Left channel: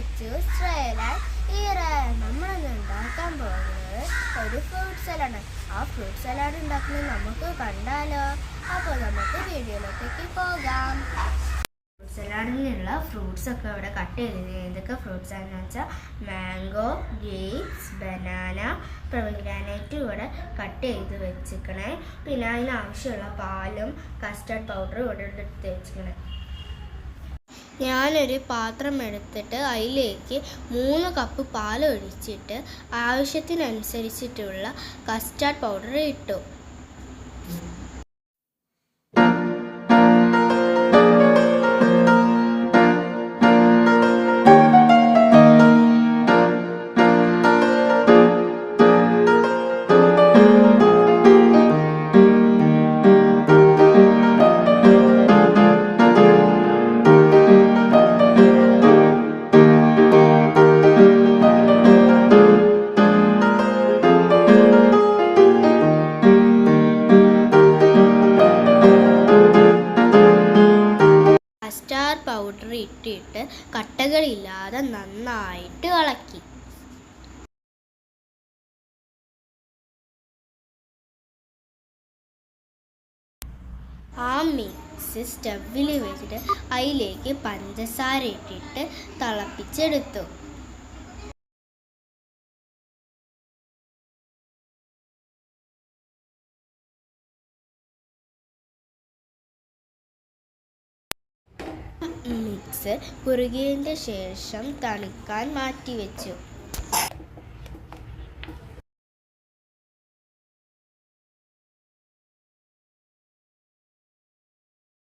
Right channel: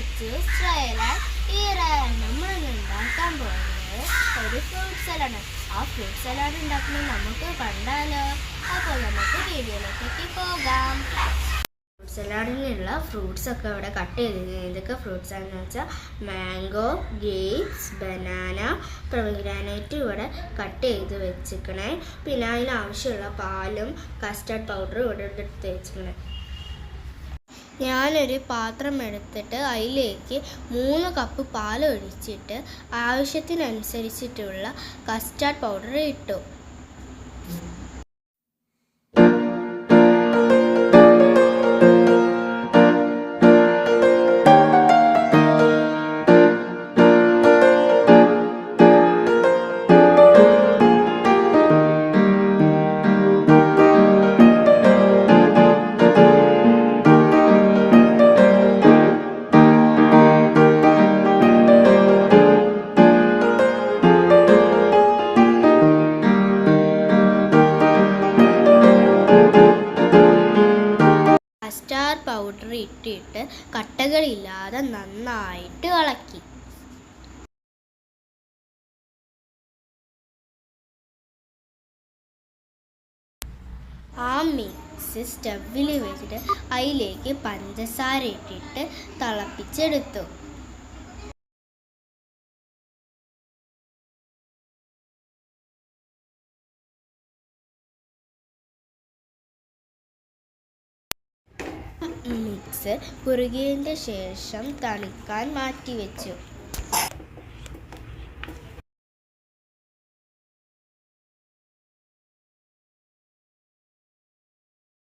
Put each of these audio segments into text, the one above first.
Lettuce salad നമ്മൾ ഉണ്ടാക്കാൻ പോകുന്നത് ഒരു ഫ്രൂട്ട് സലാഡാണ് ആ ഫ്രൂട്ട് സലാഡ് ഉണ്ടാക്കുന്നത് നമുക്ക് കണ്ടാലോ? അപ്പോൾ നമുക്ക് വീഡിയോയിലേക്ക് പോകാം ഫ്രൂട്ട് സലാഡിനുള്ള ഫ്രൂട്ട്സ് ഒക്കെ ഇവിടെ കട്ട് ചെയ്ത് ഇതൊക്കെ ഫ്രൂട്ട്സ് ആണെന്ന് വെച്ചാൽ മാംഗോ ഗേപ്സ് ബനാന പ്രൊമിഗ്രാനൈറ്റ് ഇവിടെ കട്ട് ചെയ്ത് വെച്ചിക്കണേ പിന്നെ അതിനാവശ്യമുള്ള പാലും കസ്റ്റർഡ് പൗഡറും ഇവിടെ എടുത്ത് വെച്ചിക്കണേ ഞാനൊരു പാത്രം എടുത്തിട്ട് അതിലേക്ക് മൂന്ന് കപ്പ് പാൽ ഒഴിച്ചിട്ട് ആവശ്യത്തിനനുസരിച്ചിട്ടുള്ള കസ്റ്റാർഡ് പൗഡർ ഇട്ടു. കസ്റ്റാർഡ് പൗഡർ ഇട്ടിട്ട് കട്ടകളില്ലാതെ നന്നായിട്ട് ഇളക്കി. ആ മിക്സ് സ്റ്റവിൽ വെച്ചിട്ട് അതിലേക്ക് പഞ്ചസാര ഇട്ടിട്ട് തിളപ്പിച്ചെടുത്തു. മിക്സ് കുറുകിയതിന്റെ ശേഷം തണുക്കാൻ മാറ്റിവെച്ചു.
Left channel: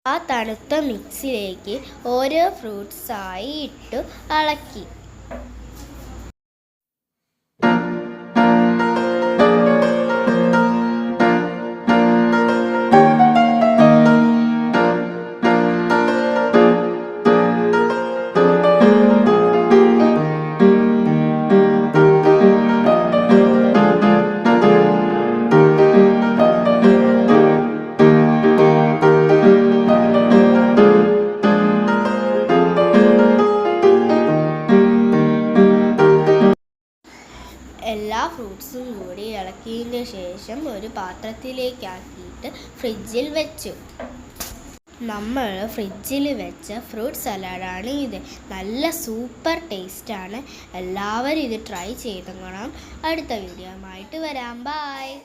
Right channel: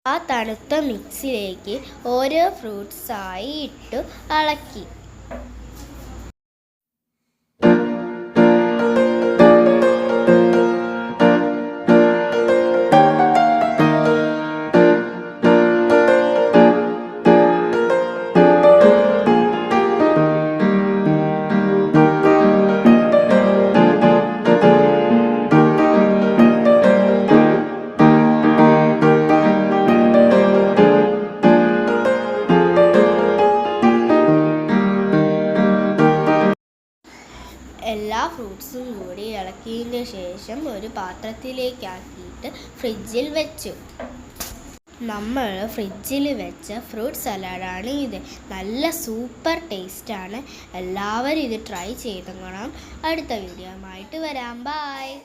ആ തണുത്ത മിക്സിലേക്ക് ഓരോ ഫ്രൂട്ട്സായി ഇട്ടു ഇളക്കി എല്ലാ ഫ്രൂട്ട്സും കൂടി ഇളക്കിയതിന് ശേഷം ഒരു പാത്രത്തിലേക്കാക്കിയിട്ട് ഫ്രിഡ്ജിൽ വെച്ചു. നമ്മൾ ഫ്രിഡ്ജിൽ വെച്ച ഫ്രൂട്ട് സലാഡാണ് ഇത്. നല്ല സൂപ്പർ ടേസ്റ്റാണ്. എല്ലാവരും ഇത് ട്രൈ ചെയ്തോളാം അടുത്ത വീഡിയോ ആയിട്ട് വരാം. ബായ്